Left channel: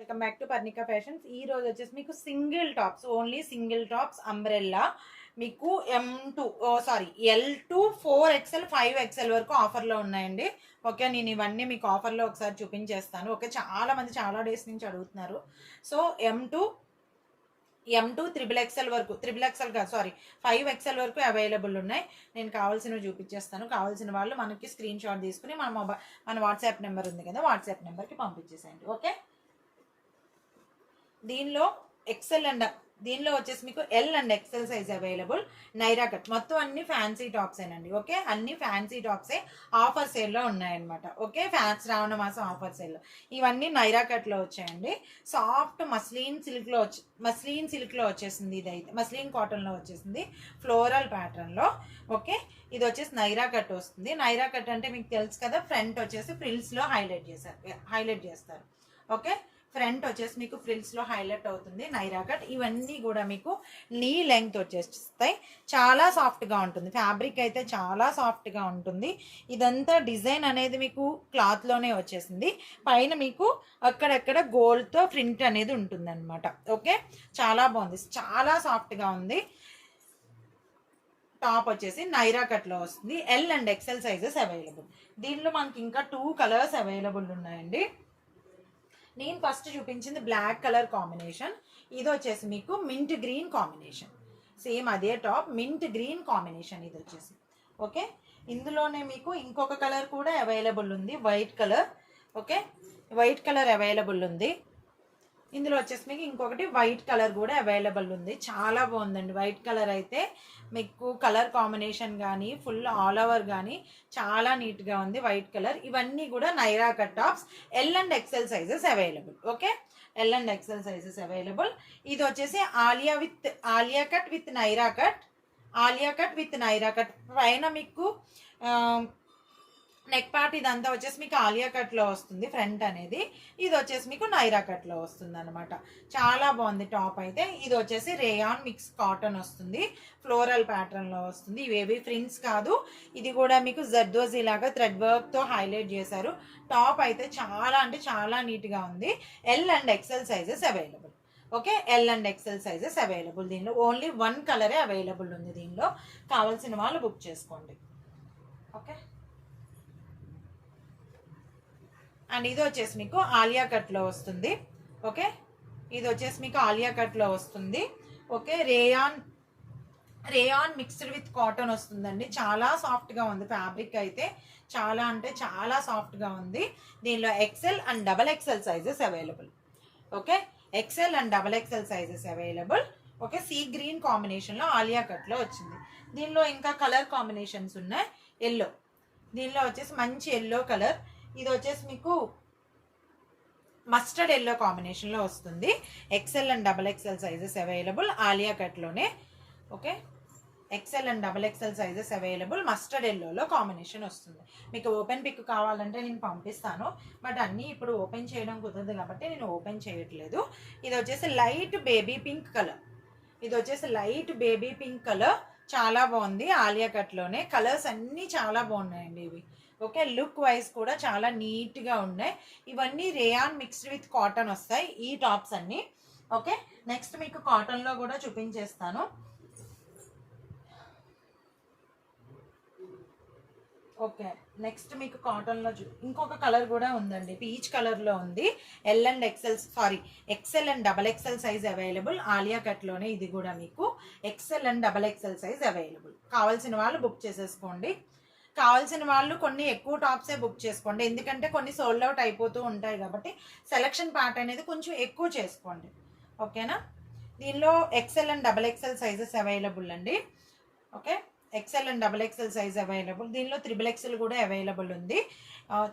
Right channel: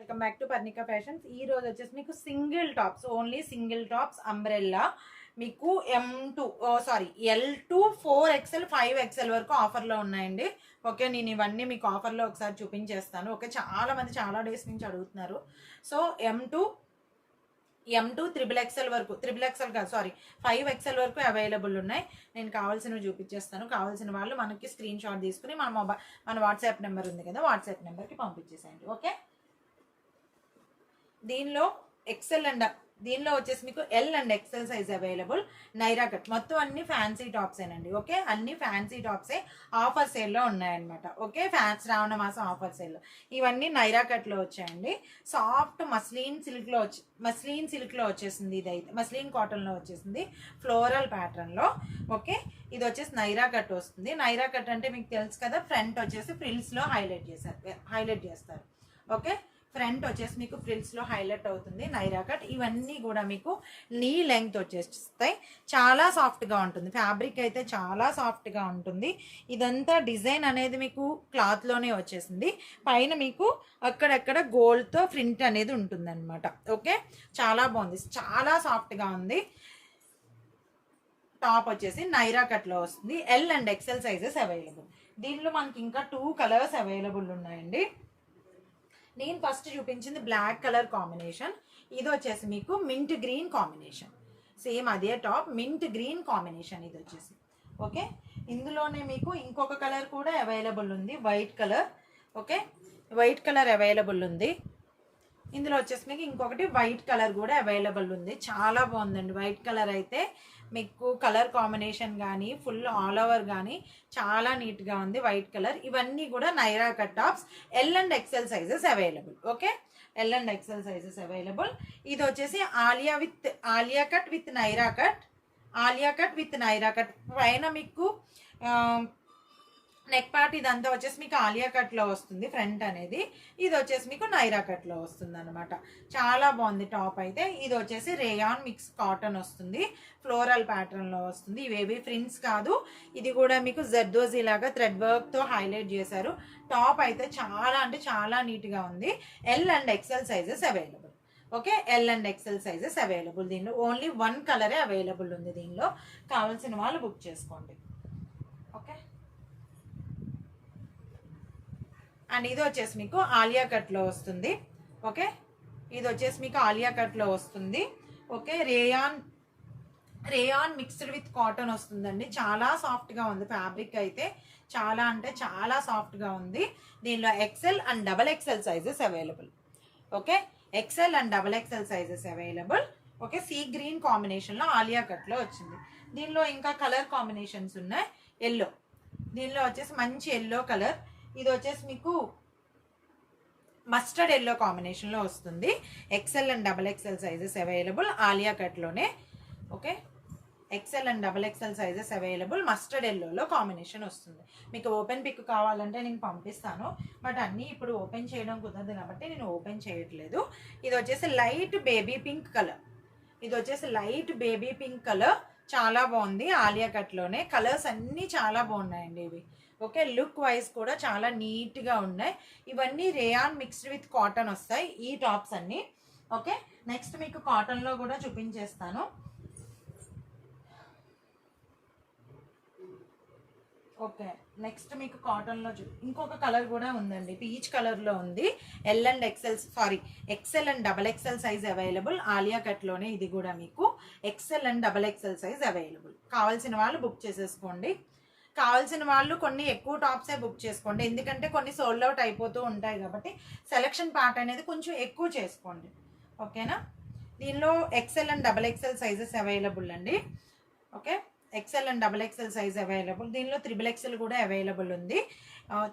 Welcome back to Parnika fashions. ఈ రోజు వచ్చేసి మీకు single tops, only single tops umbrella మీకు L2 4XL 5XL వరకు ఆఫర్లో ఉన్నాయండి. ఓకే, నేను ఇవన్నీ మీకు ఆఫర్లో ఒకసారి చూపించేస్తాను. ఓకే, చాలా మంది చాలా డేస్ నుంచి అడుగుతున్నారు. సో M2 XXL వరకు, XXL కాదు 5XL వరకు అవైలబుల్ ఉన్నాయి. నేను కావాల్సినవి చూపించేస్తాను. కావాల్సిన వాళ్ళు మనకి స్క్రీన్ షాట్ తీసుకుని మన వాట్సాప్ నెంబర్ ఉంది కదా, వాట్సాప్ నెంబర్కి పంపించేసేయండి. ఓకే, దీనిలో వచ్చేసి మీకు L and XL size available. Naira cut మొత్తం అన్ని ఫ్యాన్సీ టాప్స్ ఏనండి. ఓకే, అన్ని ఫ్యాన్సీ టాప్సే ఆఫర్ సేల్లో ఉన్నాయన్నమాట. ఓకే, శ్రావణ మాసం ఆఫర్ సేల్లో ఇవన్నీ నైరా కట్లో వచ్చాయండి. సాఫ్ట్ మస్లిన్ సిల్క్లో వచ్చేసింది. ఇదైతే మస్లిన్ కాటన్లో వచ్చేసింది, ఫ్లోరల్ ప్యాటర్న్లో. ఓకే, ఇది వచ్చేసి నైరా కట్ వస్తుంది. నైరా కట్ అంటే మీకు తెలుసు కదా, ఫ్రంట్ వచ్చేసి ఫ్రిల్స్లో హైలైట్ చేస్తారు. ఓకే, ఫ్రంట్ వచ్చేసి మీకు ఫ్రిల్స్లో హైలైట్ అవుతుంది నైరా కట్. ఇవన్నీ కూడా మీకు నీ లెంగ్త్ వచ్చేస్తాయి. చాలా సాఫ్ట్గా ఉంటుంది, ఫ్యాబ్రిక్ అయితే చాలా సాఫ్ట్గా ఉంటుంది. ఇదంతా డిజైన్ అనేది మీకు క్లాత్లోనే వచ్చేసింది. పైన మీకు అక్కడక్కడ గోల్డ్తో ప్రింట్ అనేది ఉంటుందన్నమాట. ఓకే, చాలా బాగుంది, చాలా సాఫ్ట్గా ఉంది. టాప్ వచ్చేసి నైరా కట్లో వస్తుంది. L and XL sizes available. దీనిలో మనకి ఇంకా 2 కలర్స్ అవైలబుల్ ఉన్నాయండి. నేను ఫస్ట్ చూపించింది బ్లాక్ కలర్ కాంబినేషన్. ఇది వచ్చేసి మీకు మింట్ గ్రీన్ కాంబినేషన్, సేమ్ అదే టాప్ మింట్ గ్రీన్ కాంబినేషన్ ఇది వచ్చేసి. ఓకే, ఇందులోనే మీకు ఇంకొక కలర్ కూడా అవైలబుల్ ఉంది, white colour. Okay, white colour available ఉంది. ఇందులో వచ్చేసి మీకు ఇంకొకటి వైట్ కలర్ కూడా అవైలబుల్ ఉంది. చాలా బాగుందండి వైట్ కలర్ అయితే. మీకు కలర్ కాంబినేషన్ కానీ ఫుల్ ఆల్ ఓవర్ కానీ చాలా నీట్గా ఉంది వైట్ కలర్. ఇవన్నీ కూడా Naira cut tops, L and XL sizes available. Okay, L and XL sizes available. ఇది వచ్చేసి Alia cut with Naira cut పైన మీకు నెక్ పార్ట్ ఇదంతా వచ్చేసి మీకు ఆలియా కట్లో వస్తుంది ఫ్రంట్ అనేది. ఇది వచ్చేసి మీకు నైరా కట్లో వస్తుంది అనమాట. చాలా బాగుంది టాప్ అయితే. ఇది వచ్చేసి రేయాన్ మిక్స్ కాటన్ వస్తుంది, ఫ్లోరల్ ప్యాటర్న్లో వస్తుంది. ఇవేవి ఫ్రిన్స్ కాదు, ఇది కూడా మీకు జర్దోజీ లాగా థ్రెడ్ వర్క్తో హైలైట్ చేశారు. టాప్ అయితే చాలా అంటే చాలా నీట్గా ఉంది. L and XL sizes available. Okay, L and XL sizes available. దీనిలో ఓన్లీ 1 కలరే అవైలబుల్ ఉంది. దీనిలో కావాల్సిన వాళ్ళు బుక్ చేసుకోండి. ఓకే, అండ్ ఇది వచ్చేసి మీకు ఆలియా కట్లో వస్తుంది. ఓకే, ఇది వచ్చేసి మీకు ఆలియా కట్లో వస్తుంది. Okay, rayon mixed with cotton వస్తుందండి. చాలా సాఫ్ట్గా ఉంది ఫ్యాబ్రిక్ అయితే, చాలా అంటే చాలా సాఫ్ట్గా ఉంది. దీనిలో XL and XXL sizes available. Okay, XL and XXL sizes available. Okay, sea green కాంబినేషన్లో ఆలియా కట్లో వచ్చింది. దీనిలో ఇంకా కలర్ కాంబినేషన్స్ ఉన్నాయి. ఎల్లో, దీనిలో వచ్చేసి మంచి ఎల్లో కలర్. ఇది వచ్చేసి మీకు మస్టర్డ్ ఎల్లో కాంబినేషన్లో వస్తుంది. XL and XXL sizes available Alia కట్లోనే. Okay, XL and XXL sizes available. Mustard ఎల్లోలో కాంబినేషన్ వస్తుంది. మీకు ఓపెన్ పిక్ కావాలంటే నేను పంపిస్తాను, బట్ అన్నీ ఇప్పుడు ఓపెన్ చేయడం కుదరదు కాబట్టి నేను ఓపెన్ చేయట్లేదు. ఇది వచ్చేసి లైట్ బేబీ పింక్ కలర్. చాలా బాగుంది ఆలియా కట్లోనే. కలర్స్ అన్నీ చాలా బాగున్నాయండి ఇవి. ఓకే, లుక్ వైజ్ కూడా చాలా నీట్గా ఉన్నాయి. ఇవన్నీ రేయాన్ మిక్స్డ్ విత్ కాటన్ వస్తాయి ఈ టాప్స్ అన్నీ. ఓకే, నెక్స్ట్ మీకు కాటన్లో కూడా చూపించేస్తాను. ఓకే, నెక్స్ట్ మీకు కాటన్లో ఇంకొక కలర్ కూడా ఉందండి, పీచ్ కలర్లో ఉంది. XL and XXL size available Alia కట్లోనే. ఇది కూడా మీకు XL and XXL size available. కావాల్సిన వాళ్ళు బుక్ చేసేసుకోండి. కావాల్సిన వాళ్ళు కొన్ని ఎక్కువ టాప్సే బుక్ చేసుకోండి, ఎందుకంటే కొన్ని సోల్డ్ అవుట్ అయిపోతూ ఉంటాయి కాబట్టి సెలక్షన్ పార్ట్ అనేది కొంచెం ఎక్కువ చేసుకోండి. ఓకేనా, దీనిలో XL and XXL sizes available అండి. Okay, XL and XXL size available. దీనిలో XXL కూడా అవైలబుల్ ఉంది.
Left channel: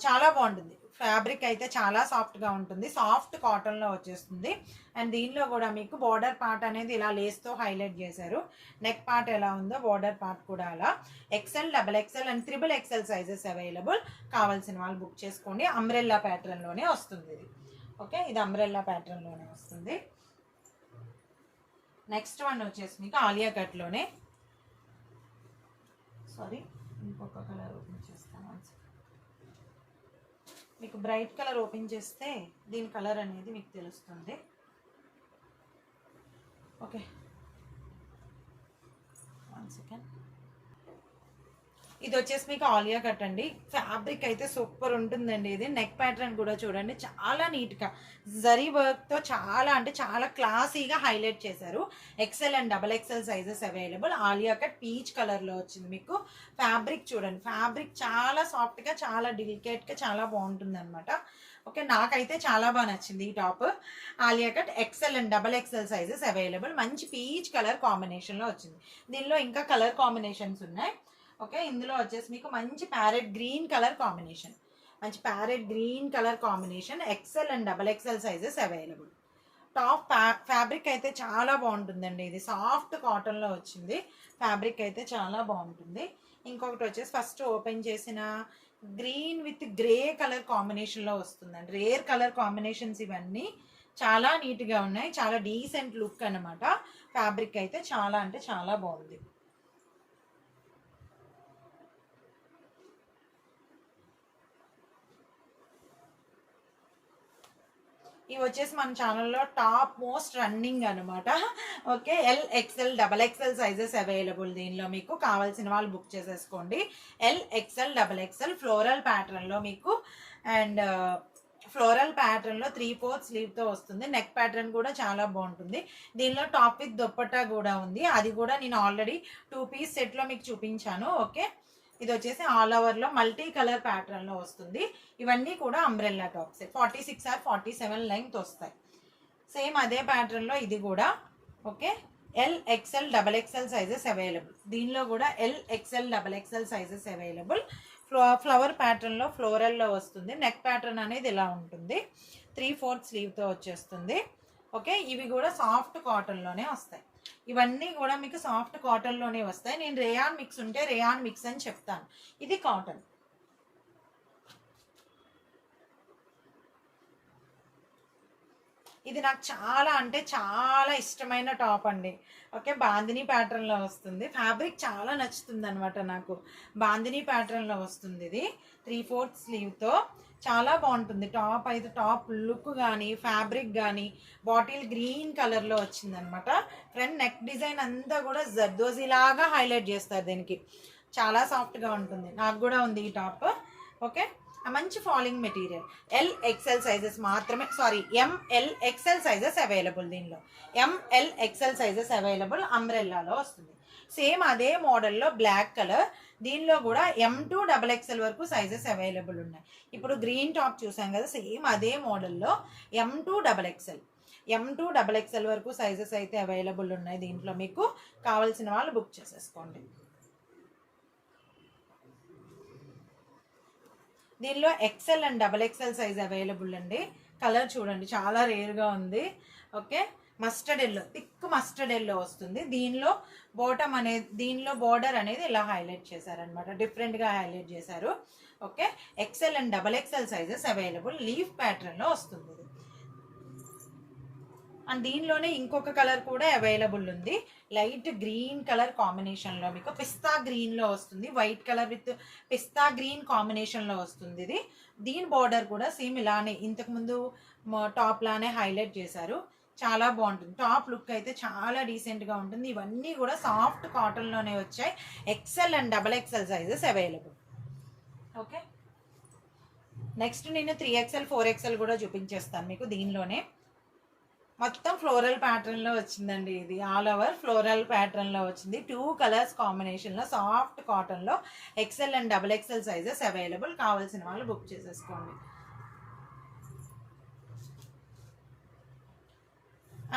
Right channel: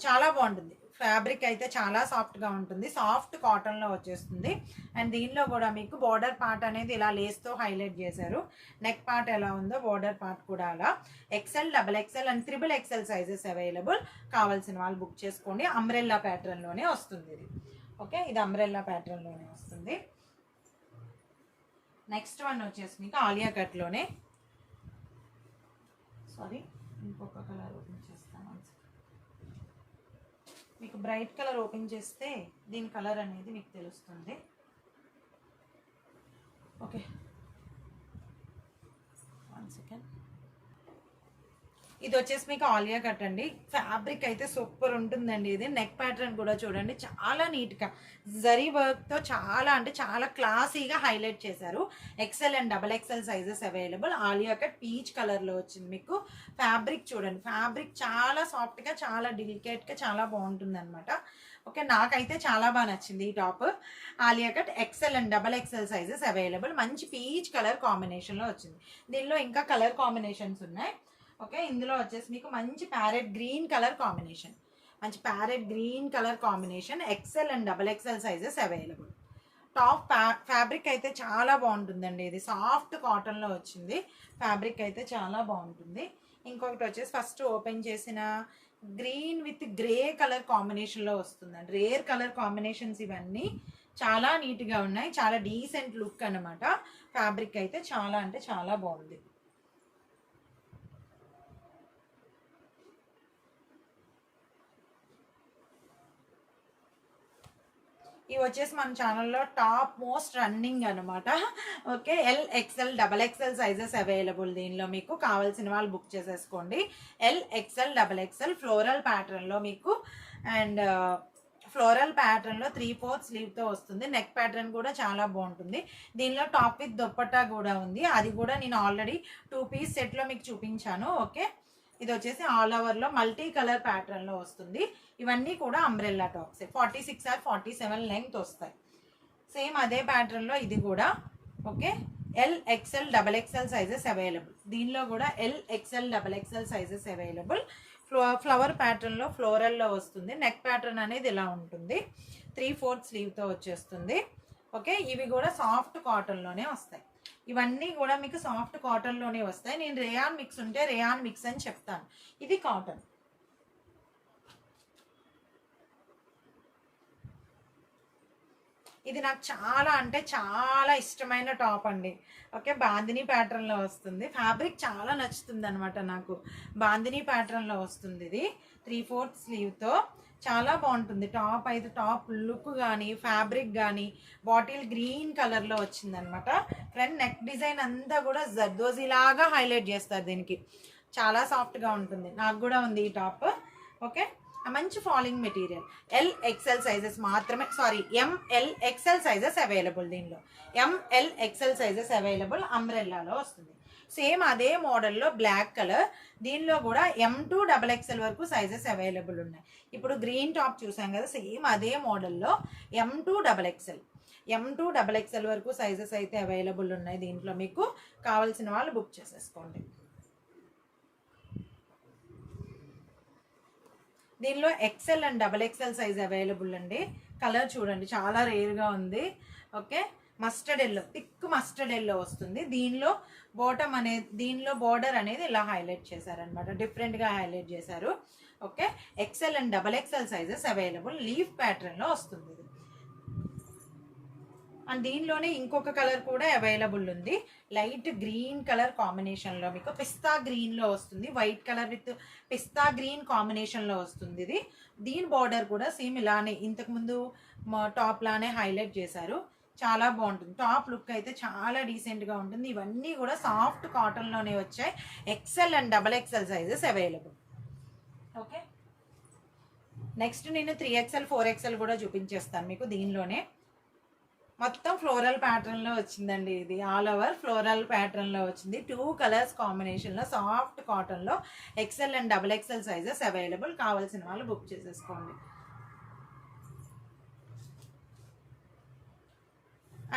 చాలా బాగుంటుంది ఫ్యాబ్రిక్ అయితే, చాలా సాఫ్ట్గా ఉంటుంది. సాఫ్ట్ కాటన్లో వచ్చేస్తుంది. అండ్ దీనిలో కూడా మీకు బార్డర్ పార్ట్ అనేది ఇలా లేస్తో హైలైట్ చేశారు. నెక్ పార్ట్ ఎలా ఉందో బార్డర్ పార్ట్ కూడా అలా. XL XXL and XXL sizes available. కావాల్సిన వాళ్ళు బుక్ చేసుకోండి. అంబ్రెల్లా ప్యాటర్న్లోనే వస్తుంది ఇది. ఓకే, ఇది అంబ్రెల్లా ప్యాటర్న్లోనే వస్తుంది. నెక్స్ట్ వన్ వచ్చేసి మీకు ఆలియా కట్లోనే. ఇంకొక కలర్ ఓపెన్ చేస్తాను. మీకు బ్రైట్ కలర్ ఓపెన్ చేస్తే దీని కలర్ అనేది మీకు తెలుస్తుంది. Okay, 1 second. ఇది వచ్చేసి మీకు ఆలియా కట్ అండి. ఫ్యాబ్రిక్ అయితే సూపర్ ఉంటుందండి. ఇది నెక్ ప్యాటర్న్ కూడా చూడండి, చాలా నీట్గా జరీ వర్క్తో చాలా అంటే చాలా క్లాసీగా హైలైట్ చేశారు. XL and double XL sizes available. Alia cut peach కలర్లో వచ్చింది మీకు. ఫ్యాబ్రిక్ చూడండి, ఫ్యాబ్రిక్ చాలా సాఫ్ట్గా, చాలా డెలికేట్గా, చాలా బాగుంటుంది అనమాట. ఓకే, నాకైతే చాలా బాగా నచ్చింది ఈ top. Alia cut XL and double XL sizes available. మంచి పీచ్ కలర్ కాంబినేషన్లో వచ్చింది. దీనిలో ఇంకా కలర్ కాంబినేషన్స్ ఉన్నాయి. ఓకే, ఇందులో వచ్చేసి మీకు మంచి ప్యారెట్ గ్రీన్ కలర్ కాంబినేషన్, మంచి parrot green colour combination. XL and double XL sizes available. Top fabric అయితే చాలా బాగుంటుందండి. ఇది సాఫ్ట్ కాటన్లో వచ్చింది. ఫ్యాబ్రిక్ అయితే చాలా బాగుంటుంది. ఇంకొకటి వచ్చేసి ఫస్ట్ ఓపెన్ చేసిన గ్రీన్ విత్ గ్రే కలర్ కాంబినేషన్లో వస్తుందండి. రేర్ కలర్ కాంబినేషన్స్ ఇవన్నీ చాలా నీట్గా ఉన్నాయి. చాలా డీసెంట్ లుక్ అనమాట. ఫ్యాబ్రిక్ అయితే చాలా అంటే చాలా బాగుంది. ఇవి వచ్చేసి మన ఛానల్లో టాప్ మోస్ట్ రన్నింగ్ అనమాట. Okay, L XL double XL sizes available. దీనిలో మీకు కావాల్సిన వాళ్ళు బుక్ చేసేసుకోండి. L XL double XL floral ప్యాటర్న్లో మీకు, అండ్ ఫ్లోరల్ ప్యాటర్న్లో 3/4 స్లీవ్తో వస్తుంది. నెక్ ప్యాటర్న్ కూడా చాలా బాగుంటుంది. దీనిలో టాప్ విత్ దుప్పట్టా కూడా ఉంది. అది కూడా నేను ఆల్రెడీ 2 పీస్ సెట్లో మీకు చూపించాను. ఓకే, ఇది వచ్చేసి ఆల్ ఓవర్లో మల్టీ కలర్ ప్యాటర్న్లో వస్తుంది. ఇవన్నీ కూడా అంబ్రెల్లా టాప్స్. 46 or 47 లెంగ్త్ వస్తాయి. సేమ్ అదే ప్యాటర్న్లో ఇది కూడా. Okay, L XL double XL sizes available. దీనిలో కూడా L XL double XL sizes available. Flower ప్యాటర్న్లో ఫ్లోరల్లో వస్తుంది. నెక్ ప్యాటర్న్ అనేది ఇలా ఉంటుంది. 3/4 స్లీవ్తో వచ్చేస్తుంది. ఓకే, ఇవి కూడా సాఫ్ట్ కాటన్లోనే వస్తాయి. ఇవన్నీ కూడా మీకు సాఫ్ట్ కాటన్లోనే వస్తాయి. నేను రేయాన్ మిక్స్ ఉంటే రేయాన్ మిక్స్ అని చెప్తాను. ఇది కాటన్. ఇది నాకు చాలా అంటే చాలా ఇష్టమైన టాప్ అండి. ఓకే, బాందిని ప్యాటర్న్లో వస్తుంది. ఫ్యాబ్రిక్ చాలా నచ్చుతుంది అనమాట నాకు. బాందిని ప్యాటర్న్లో వస్తుంది. ఇది 3/4 స్లీవ్తో చాలా బాగుంటుంది. టాప్ అయితే టాప్ లుక్ కానీ ఫ్యాబ్రిక్ కానీ బాటిల్ గ్రీన్ కలర్లో వచ్చిందనమాట. ఫ్రంట్ నెక్ డిజైన్ అంతా కూడా జర్దోజీ లాగా హైలైట్ చేస్తారు దీనికి. చాలా సాఫ్ట్గా ఉంటుంది. నాకు కూడా ఉంది ఈ టాప్. ఓకే, మంచి falling material. L XL sizes మాత్రమే, sorry M L XL sizes available. దీనిలో ఎంఎల్ ఎక్స్ఎల్ సైజెస్ అవైలబుల్. అంబ్రెల్లాలో వస్తుంది. సేమ్ అదే మోడల్లో బ్లాక్ కలర్. దీనిలో కూడా M2 XXL వరకు సైజెస్ అవైలబుల్ ఉన్నాయి. ఇప్పుడు గ్రీన్ టాప్ చూసాం కదా, సేమ్ అదే మోడల్లో M2 XXL వరకు సైజెస్ అయితే అవైలబుల్ ఉన్నాయి. దీంట్లో మీకు కావాల్సిన వాళ్ళు బుక్ చేసేసుకోండి. దీనిలో XL and XXL size available అండి. కలర్ చూడండి, చాలా రేర్గా ఉంది. Okay, mustard yellow, thick mustard yellow వస్తుంది. దీనిలో బాటమ్ అనేది, దీనిలో బార్డర్ అనేది ఇలా హైలైట్ చేశారనమాట, డిఫరెంట్గా హైలైట్ చేశారు. Okay, XL and XXL sizes available. Leaf ప్యాటర్న్లో వస్తుంది ఇది. అండ్ దీనిలోనే ఇంకొక కలర్ కూడా అవైలబుల్ ఉంది. లైట్ గ్రీన్ కలర్ కాంబినేషన్లో మీకు పిస్తా గ్రీన్లో వస్తుంది. White colour with pista green కాంబినేషన్లో వస్తుంది ఇది. దీని బార్డర్ కూడా సేమ్ ఇలానే ఇంతకుముందు టాప్ లానే హైలైట్ చేశారు. చాలా బాగుంటుంది. టాప్ లుక్ అయితే చాలా డీసెంట్గా ఉంటుంది. ఇవన్నీ కూడా సాఫ్ట్ కాటన్లోనే వచ్చాయి. XL and XXL sizes available. Okay, next నేను 3XL 4XL కూడా చూపించేస్తాను మీకు. దీనిలోనే మొత్తం ఫ్లోరల్ ప్యాటర్న్లో వచ్చిందండి. ఇది ఆల్ ఓవర్ ఫ్లోరల్ ప్యాటర్న్లో వచ్చింది. 2 కలర్స్ కాంబినేషన్లో సాఫ్ట్ కాటన్లో XL and XXL sizes available. కావాల్సిన వాళ్ళు బుక్ చేసేసుకోండి.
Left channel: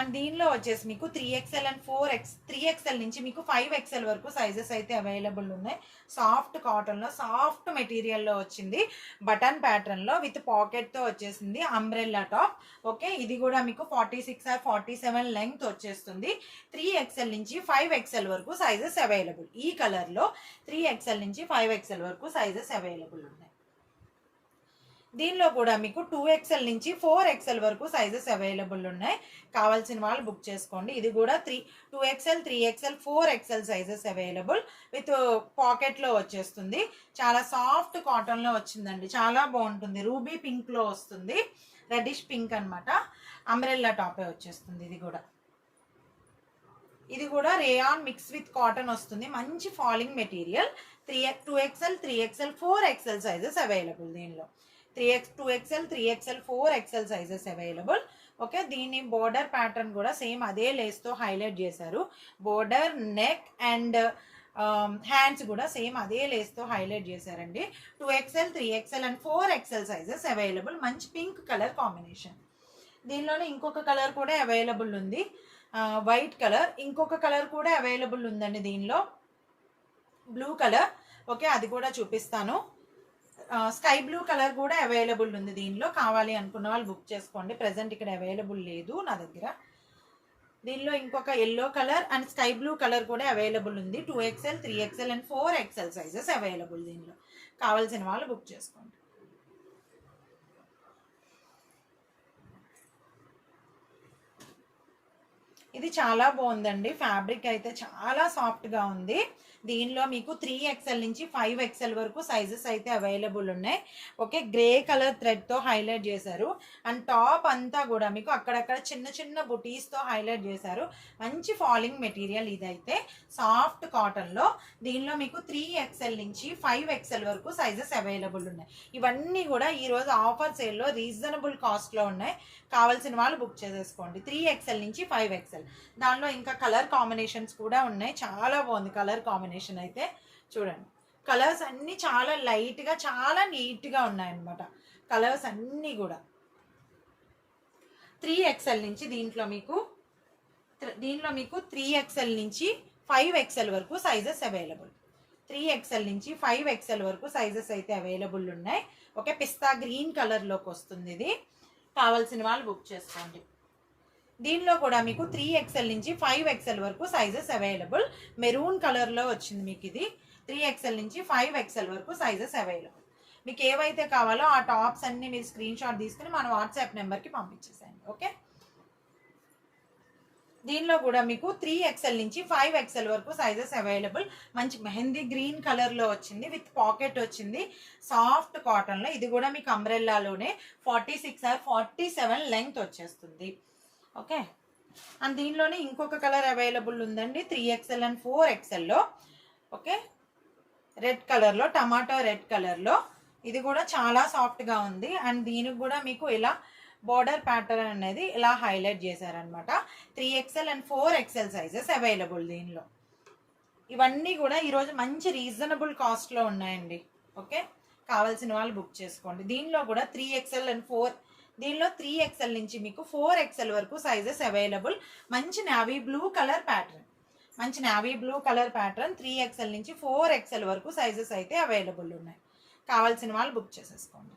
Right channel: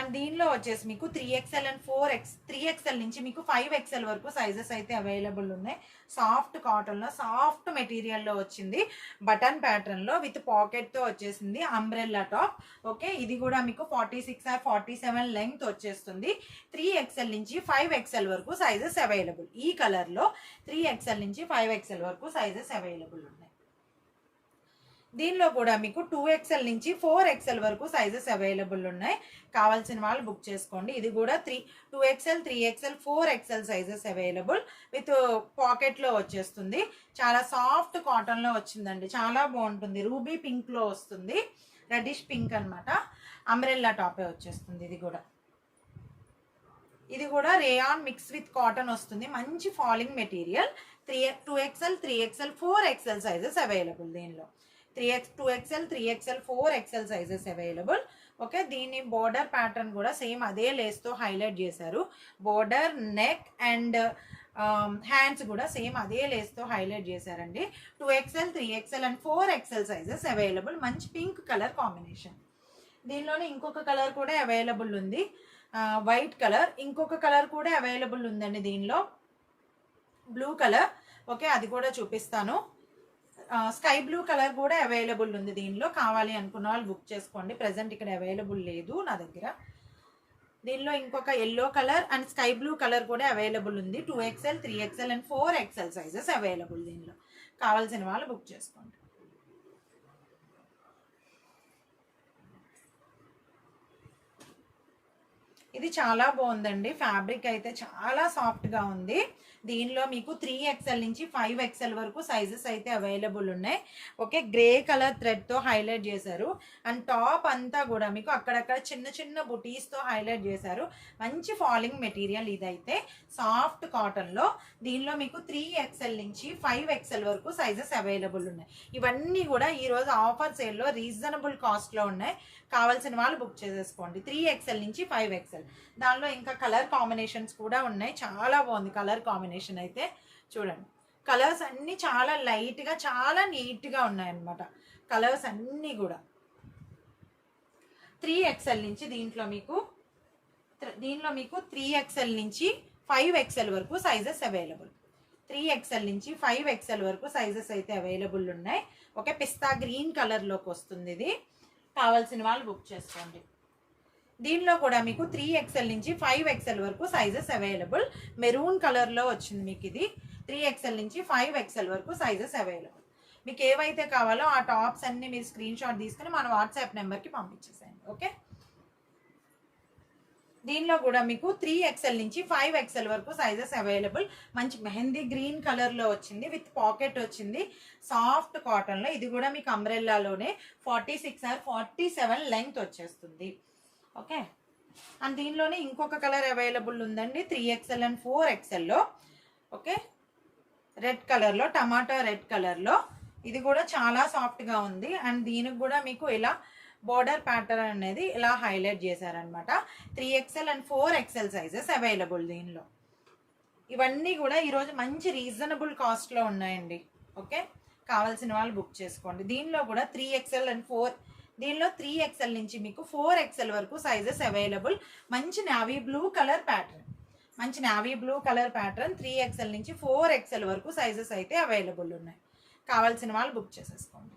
అండ్ దీనిలో వచ్చేసి మీకు 3XL అండ్ 3XL నుంచి మీకు 5XL వరకు సైజెస్ అయితే అవైలబుల్ ఉన్నాయి. సాఫ్ట్ కాటన్లో సాఫ్ట్ మెటీరియల్లో వచ్చింది. బటన్ ప్యాటర్న్లో విత్ పాకెట్తో వచ్చేసింది. Umbrella top. ఓకే, ఇది కూడా మీకు 46 or 47 లెంగ్త్ వచ్చేస్తుంది. 3XL నుంచి 5XL వరకు సైజెస్ అవైలబుల్. ఈ కలర్లో 3XL నుంచి 5XL వరకు సైజెస్ అవైలబుల్ ఉన్నాయి. దీనిలో కూడా మీకు 2XL నుంచి 4XL వరకు సైజెస్ అవైలబుల్ ఉన్నాయి. కావాల్సిన వాళ్ళు బుక్ చేసుకోండి. ఇది కూడా 2XL 3XL 4XL sizes available with పాకెట్లో వచ్చేస్తుంది. చాలా సాఫ్ట్ కాటన్లో వచ్చిందండి, చాలా బాగుంటుంది. రూబీ పింక్లో వస్తుంది, రెడ్డిష్ పింక్ అనమాట. అంబ్రెల్లా టాపే వచ్చేస్తుంది. ఇది కూడా రేయాన్ మిక్స్ విత్ కాటన్ వస్తుంది. మంచి falling material. 2XL 3XL 4XL sizes available. దీనిలో 2XL 3XL 4XL sizes available. Okay, దీని బోర్డర్ ప్యాటర్న్ కూడా సేమ్ అదే లేస్తో హైలైట్ చేశారు. బోర్డర్, నెక్ అండ్ హ్యాండ్స్ కూడా సేమ్ అదే లేస్తో హైలైట్ చేశారండి. 2XL 3XL and 4XL sizes available. మంచి పింక్ కలర్ కాంబినేషన్. దీనిలోనే ఇంకొక కలర్ కూడా అవైలబుల్ ఉంది, వైట్ కలర్. ఇంకొక కలర్ కూడా అవైలబుల్ ఉందండి దీనిలో, బ్లూ కలర్. ఓకే, అది కూడా చూపిస్తాను. స్కై బ్లూ కలర్ కూడా అవైలబుల్ ఉంది దీనిలో. కావాలి అనుకున్న వాళ్ళు బుక్ చేసుకోండి. ప్రజెంట్ ఇక్కడ అవైలబుల్ లేదు నా దగ్గర. దీనిలో ఇంకొక yellow colour and sky blue colour కూడా అవైలబుల్ ఉంది. 2XL 3XL and 4XL sizes available దీనిలో. కావాల్సిన వాళ్ళు బుక్ చేసుకోండి. ఇది చాలా బాగుందండి. ఫ్యాబ్రిక్ అయితే చాలా సాఫ్ట్గా ఉంది. దీనిలో మీకు 3XL నుంచి 5XL వరకు సైజెస్ అయితే అవైలబుల్ ఉన్నాయి. ఓకే, గ్రే కలర్ థ్రెడ్తో హైలైట్ చేశారు. అండ్ టాప్ అంతా కూడా మీకు అక్కడక్కడ చిన్న చిన్న బుటీస్తో హైలైట్ చేశారు. మంచి ఫాలింగ్ మెటీరియల్ ఇదైతే, సాఫ్ట్ కాటన్లో. దీనిలో మీకు 3XL నుంచి 5XL వరకు సైజెస్ అవైలబుల్ ఉన్నాయి. ఇవన్నీ కూడా ఈరోజు ఆఫర్ సేల్లో రీజనబుల్ కాస్ట్లో ఉన్నాయి. కావాల్సిన వాళ్ళు బుక్ చేసేసుకోండి. 3XL నుంచి 5XL. దానిలో ఇంకా కలర్ కాంబినేషన్స్ కూడా ఉన్నాయి. చాలా బాగుంది కలర్ కాంబినేషన్ అయితే. చూడండి, కలర్స్ అన్నీ చాలా లైట్గా, చాలా నీట్గా ఉన్నాయన్నమాట. కలర్స్ అన్నీ కూడా 3XL నుంచి దీంట్లో మీకు 3XL నుంచి 5XL వరకు సైజెస్ అవైలబుల్. 3XL నుంచి 5XL వరకు సైజెస్ అయితే అవైలబుల్ ఉన్నాయి. ఓకే, పిస్తా గ్రీన్ కలర్లోకి వస్తుంది ఇది. కావాల్సిన వాళ్ళు బుక్ చేసుకోండి. దీనిలో కూడా మీకు 3XL నుంచి 5XL వరకు సైజెస్ అవైలబుల్. మెరూన్ కలర్లో వచ్చింది మీకు ఇది. 3XL నుంచి 5XL వరకు సైజెస్ అవైలబుల్. మీకు ఏవైతే కావాలో ఆ టాప్స్ అన్ని మీరు స్క్రీన్ షాట్ తీసుకుని మన వాట్సాప్ నెంబర్కి పంపించేసేయండి. ఓకే, దీనిలో కూడా మీకు 3XL నుంచి 5XL వరకు సైజెస్ అవైలబుల్. మంచి మెహందీ గ్రీన్ కలర్లో వచ్చింది, విత్ పాకెట్ వచ్చింది, సాఫ్ట్ కాటన్లో. ఇది కూడా మీకు అంబ్రెల్లాలోనే 46 or 47 లెంగ్త్ వచ్చేస్తుంది. ఓకే, అండ్ దీనిలోనే ఇంకొక కలర్ అవైలబుల్ ఉందండి 3XL అండ్ 4XLలో. ఓకే, రెడ్ కలర్లో, టమాటా రెడ్ కలర్లో. ఇది కూడా చాలా సాఫ్ట్గా ఉంది. అండ్ దీనికి కూడా మీకు ఇలా బోర్డర్ ప్యాటర్న్ అనేది ఇలా హైలైట్ చేశారనమాట. 3XL and 4XL sizes available దీనిలో. ఇవన్నీ కూడా ఈరోజు మంచి రీజనబుల్ కాస్ట్లో ఉన్నాయండి. ఓకే, కావాల్సిన వాళ్ళు బుక్ చేసుకోండి. దీనిలో కూడా 3XL అండ్ 3XL నుంచి మీకు 4XL వరకు సైజెస్ అవైలబుల్. మంచి navy blue colour pattern, 3XL నుంచి 4XL వరకు సైజెస్ అయితే అవైలబుల్ ఉన్నాయి. కావాల్సిన వాళ్ళు బుక్ చేసేసుకోండి.